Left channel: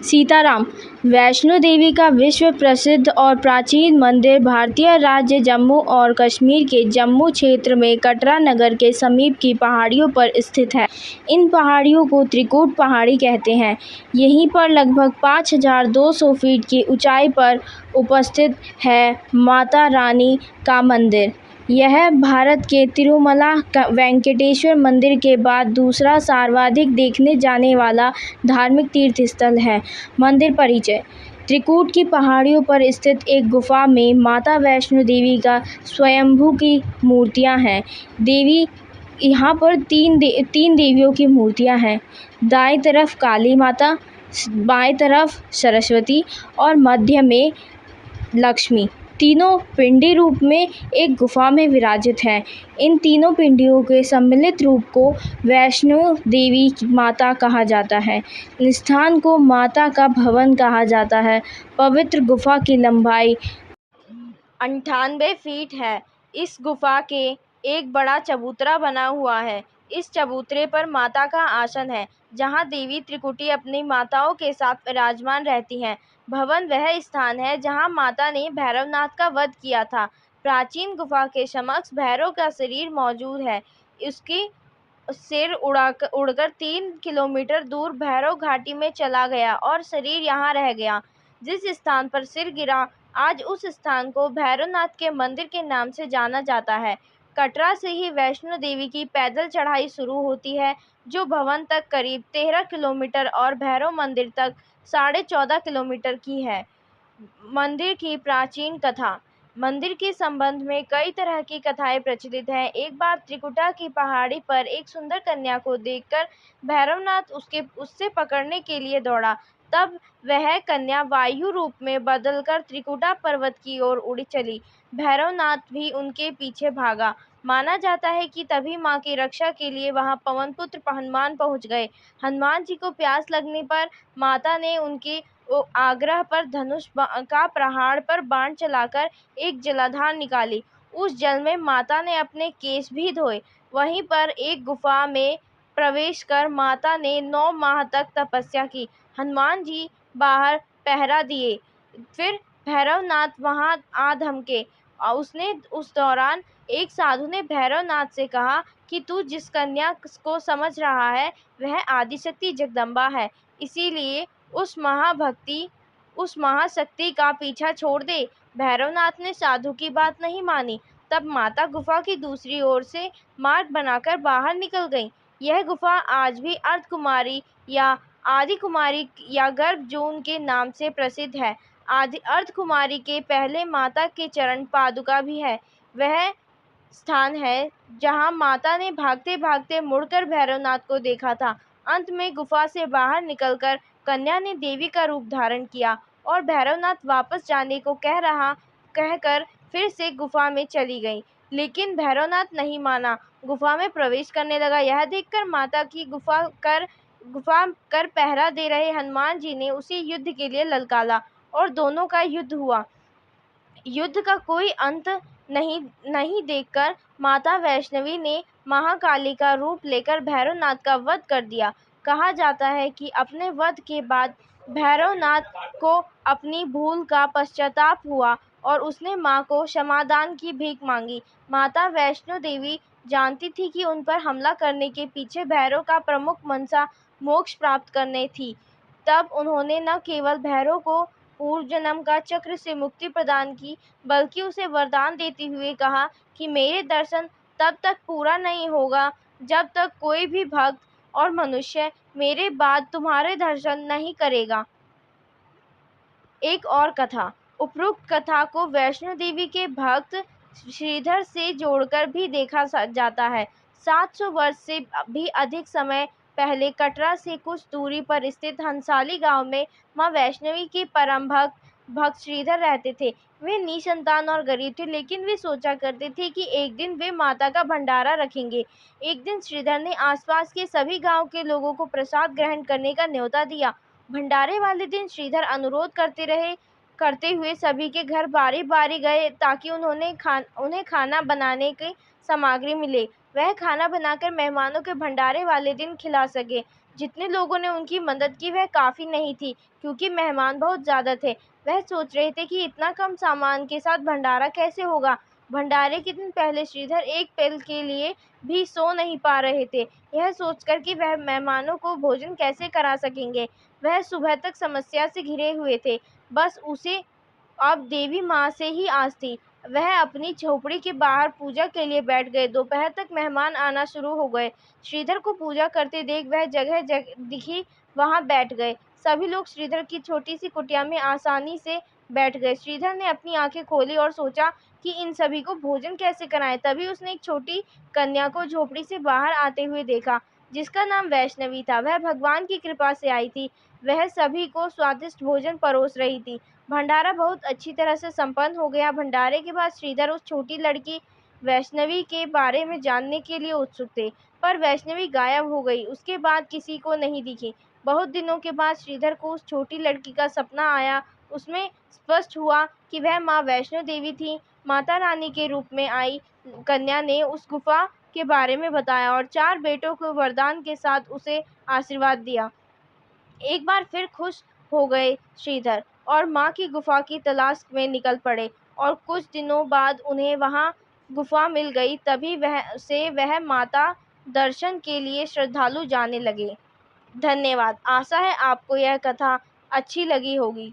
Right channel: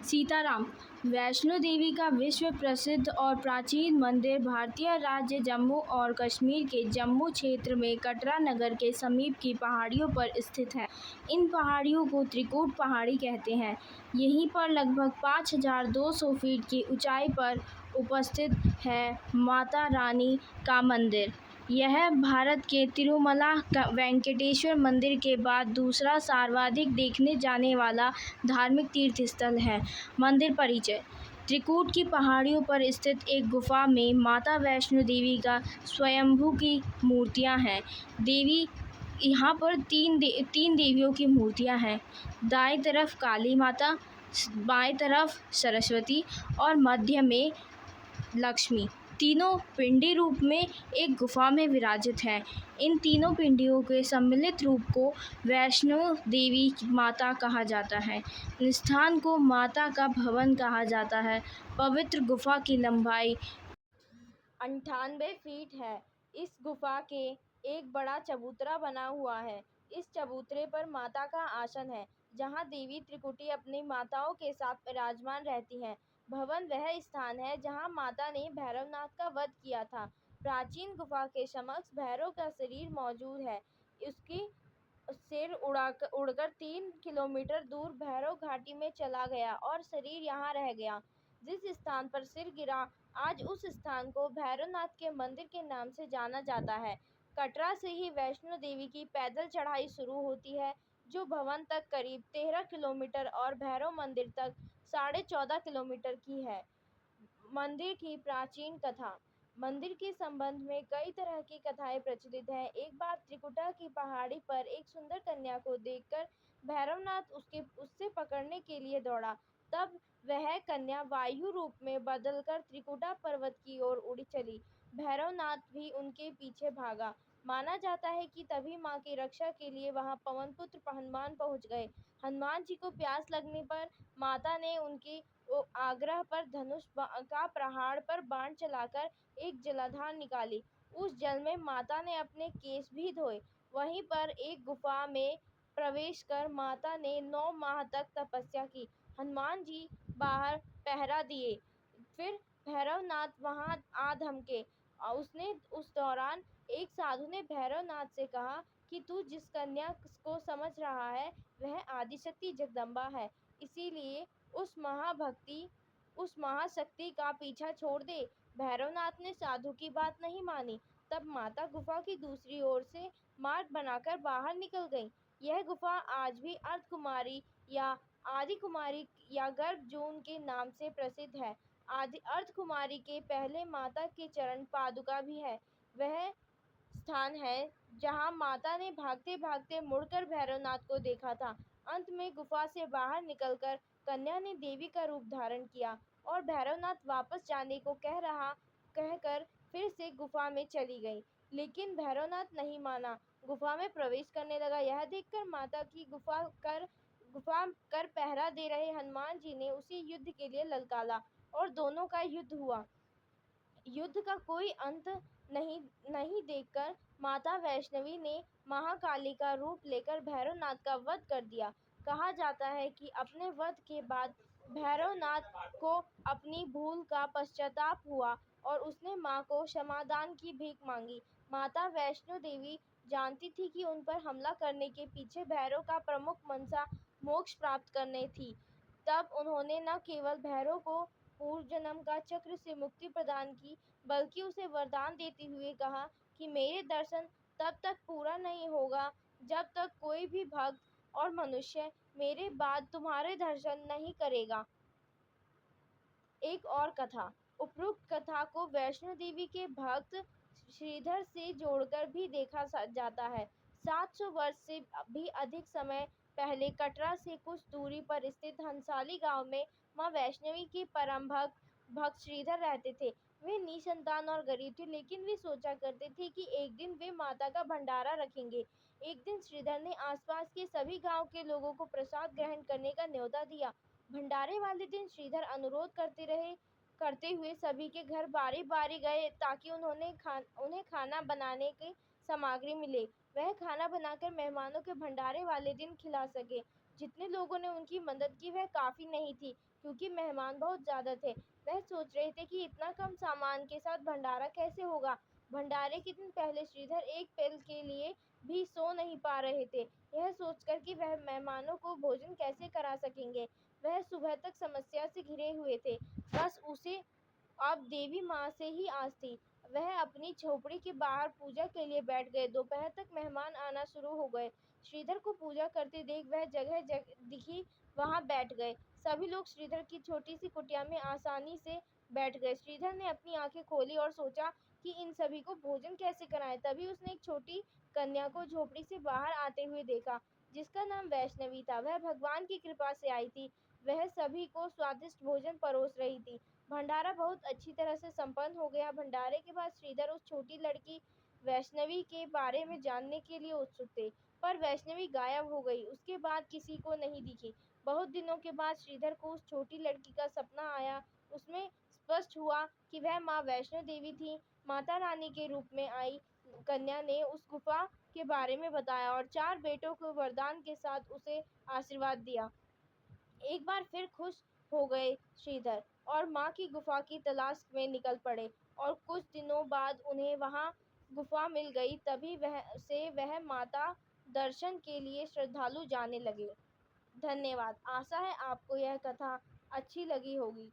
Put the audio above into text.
सीताराम। वैष्णो देवी का विश्व प्रसिद्ध और प्राचीन मंदिर भारतीय राज्य जम्मू और कश्मीर के जम्मू क्षेत्र में कटरा नगर के समीप की पहाड़ियों पर स्थित है। इन पहाड़ियों को त्रिकूट पहाड़ी कहते हैं। यहीं पर लगभग 5200 फीट की ऊंचाई पर उपस्थित है माता रानी का मंदिर। यह भारत के तिरुमला वेंकटेश्वर मंदिर के बाद दूसरा सर्वाधिक देखने जाने वाला धार्मिक तीर्थ स्थल है। मंदिर परिचय। त्रिकूट की पहाड़ियों पर स्थित एक गुफा में माता वैष्णो देवी का स्वयंभू की मूर्तियां हैं। देवी यहाँ पर तीन देवियों की मूर्तियां हैं। दाएं तरफ काली माता, बाएं तरफ सरस्वती और मध्य में लक्ष्मी। तीनों पिंडी रूप में एक गुफा में विराजित हैं। इन तीनों पिंडियों के सम्मिलित रूप को वैष्णो देवी माता कहा जाता है। इस स्थान को माता का भवन कहा जाता है। पवित्र गुफा की लंबाई 98 फीट है। इस गुफा के एक बड़ा चबूतरा बना हुआ है। इस चबूतरे पर माता का आसन है, जहां देवी त्रिकुटी अपनी माताओं के साथ विराजमान रहती हैं। भवन वह स्थान है जहां माता ने भैरवनाथ का वध किया था। प्राचीन गुफा के समक्ष भैरव का शरीर मौजूद है। उसकी सिर उड़कर 3 किलोमीटर दूर भैरव घाटी में चला गया और शरीर यहाँ रह गया। जिस स्थान पर सिर गिरा, आज उस स्थान को भैरवनाथ के मंदिर के नाम से जाना जाता है। कटरा से ही वैष्णो देवी की पैदल चढ़ाई शुरू होती है, जो भवन तक करीब 13 किलोमीटर और भैरव मंदिर तक 14.5 किलोमीटर की है। मंदिर की प्राचीन कथा। मंदिर के संबंध में कई तरह की कथाएं प्रचलित हैं। एक बार त्रिकुटा की पहाड़ी पर एक सुंदर कन्या को देखकर भैरवनाथ उससे पकड़ने के लिए दौड़ा। तब वह कन्या वायु रूप में बदलकर त्रिकुटा पर्वत की ओर उड़ी चली। भैरवनाथ भी उनके पीछे भागा। माना जाता है कि तभी मां की रक्षा के लिए वहां पवन पुत्र हनुमान पहुंच गए। हनुमान जी को प्यास लगने पर माता ने उनके आग्रह पर धनुष का प्रहार पर बाण चलाकर एक जलाधार निकाली। उस जल में माता ने अपने केश भी धोए। वहीं पर एक गुफा में प्रवेश कर माता ने 9 माह तक तपस्या की। हनुमान जी बाहर पहरा दिए। फिर भैरवनाथ वहां आ धमके। उसने उस दौरान एक साधु ने भैरवनाथ से कहा कि तू जिस कन्या को समझ रहा है वह आदिशक्ति जगदम्बा है, इसीलिए उस महाशक्ति का पीछा छोड़ दे। भैरवनाथ ने साधु की बात नहीं मानी। तब माता गुफा की दूसरी ओर से मार्ग बनाकर बाहर निकल गई। यह गुफा आज भी अर्धकुमारी या आदि कुमारी या गर्भ जून के नाम से प्रसिद्ध है। आदि अर्धकुमारी के पहले माता के चरण पादुका भी है। वह स्थान है जहां माता ने भागते भागते मुड़कर भैरवनाथ को देखा था। अंत में गुफा से बाहर निकलकर कन्या ने देवी का रूप धारण किया और भैरवनाथ वापस जाने को कहकर फिर से गुफा में चली गई। लेकिन भैरवनाथ नहीं माना, गुफा में प्रवेश करने लगा। यह देखकर माता की गुफा कर पहरा दे रहे हनुमान जी ने उसे युद्ध के लिए ललकारा और दोनों का युद्ध हुआ। युद्ध का कोई अंत नहीं देखकर माता वैष्णवी ने महाकाली का रूप लेकर भैरवनाथ का वध कर दिया। कहा जाता है कि अपने वध के बाद भैरवनाथ को अपनी भूल का पश्चाताप हुआ और उसने मां को क्षमादान की भीख मांगी। माता वैष्णो देवी जानती थी कि उन पर हमला करने के पीछे भैरव का प्रमुख मनसा मोक्ष प्राप्त करने थी। तब उन्होंने न केवल भैरव को पूर्व जन्म का चक्र से मुक्ति प्रदान की, बल्कि उसे वरदान देते हुए कहा कि मेरे दर्शन तब तक पूरा नहीं होगा जब तक कोई भी भक्त और मनुष्य मेरे बाद तुम्हारे दर्शन नहीं करेगा। एक और कथा। उपरोक्त कथा को वैष्णो देवी के भक्त श्रीधर से जोड़कर भी देखा जाता है। 700 वर्ष से भी अधिक समय पहले कटरा से कुछ दूरी पर स्थित हंसाली गांव में मां वैष्णवी के परम भक्त श्रीधर रहते थे। वे निसंतान और गरीब थे, लेकिन वे सोचा करते थे कि एक दिन वे माता का भंडारा रखेंगे। एक दिन श्रीधर ने आसपास के सभी गांव के लोगों को प्रसाद ग्रहण करने का न्योता दिया। भंडारे वाले दिन श्रीधर अनुरोध करते हुए सभी के घर बारी बारी गए ताकि उन्हें खाना बनाने की सामग्री मिले। वह खाना बनाकर मेहमानों के भंडारे वाले दिन खिला सके। जितने लोगों ने उनकी मदद की वह काफ़ी नहीं थी, क्योंकि मेहमान बहुत ज़्यादा थे। वह सोच रहे थे कि इतना कम सामान के साथ भंडारा कैसे होगा। भंडारे के दिन पहले श्रीधर एक पल के लिए भी सो नहीं पा रहे थे, यह सोचकर कि वह मेहमानों को भोजन कैसे करा सकेंगे। वह सुबह तक समस्या से घिरे हुए थे। बस उसे अब देवी माँ से ही आस थी। वह अपनी झोपड़ी के बाहर पूजा के लिए बैठ गए। दोपहर तक मेहमान आना शुरू हो गए। श्रीधर को पूजा करते देख वह जगह दिखी वहां बैठ गए। सभी लोग श्रीधर की छोटी सी कुटिया में आसानी से बैठ गए। श्रीधर ने अपनी आंखें खोली और सोचा कि इन सभी को भोजन कैसे कराएं। तभी उसने एक छोटी कन्या को झोपड़ी से बाहर आते हुए देखा, जिसका नाम वैष्णवी था। वह भगवान की कृपा से आई थी। वह सभी को स्वादिष्ट भोजन परोस रही थी। भंडारा बहुत अच्छी तरह से संपन्न हो गया। भंडारे के बाद श्रीधर उस छोटी लड़की वैष्णवी के बारे में जानने के लिए उत्सुक थे, पर वैष्णवी गायब हो गई। उसके बाद किसी को नहीं दिखी। बहुत दिनों के बाद श्रीधर को उस छोटी लड़की का सपना आया। उसमें स्पष्ट हुआ कि वह माँ वैष्णो देवी थी। माता रानी के रूप में आई कन्या ने उस गुफा के बारे में बताया और 4 बेटों को वरदान के साथ उसे आशीर्वाद दिया। एक बार फिर खुश हो गए श्रीधर और माँ की गुफा की तलाश में निकल पड़े, और कुछ दिनों बाद उन्हें वहाँ गुफा मिल गई। तभी वह माता दर्शन के लिए श्रद्धालु जाने लगे। धन्यवाद। आशा है आपको यह कथा अच्छी लगी होगी।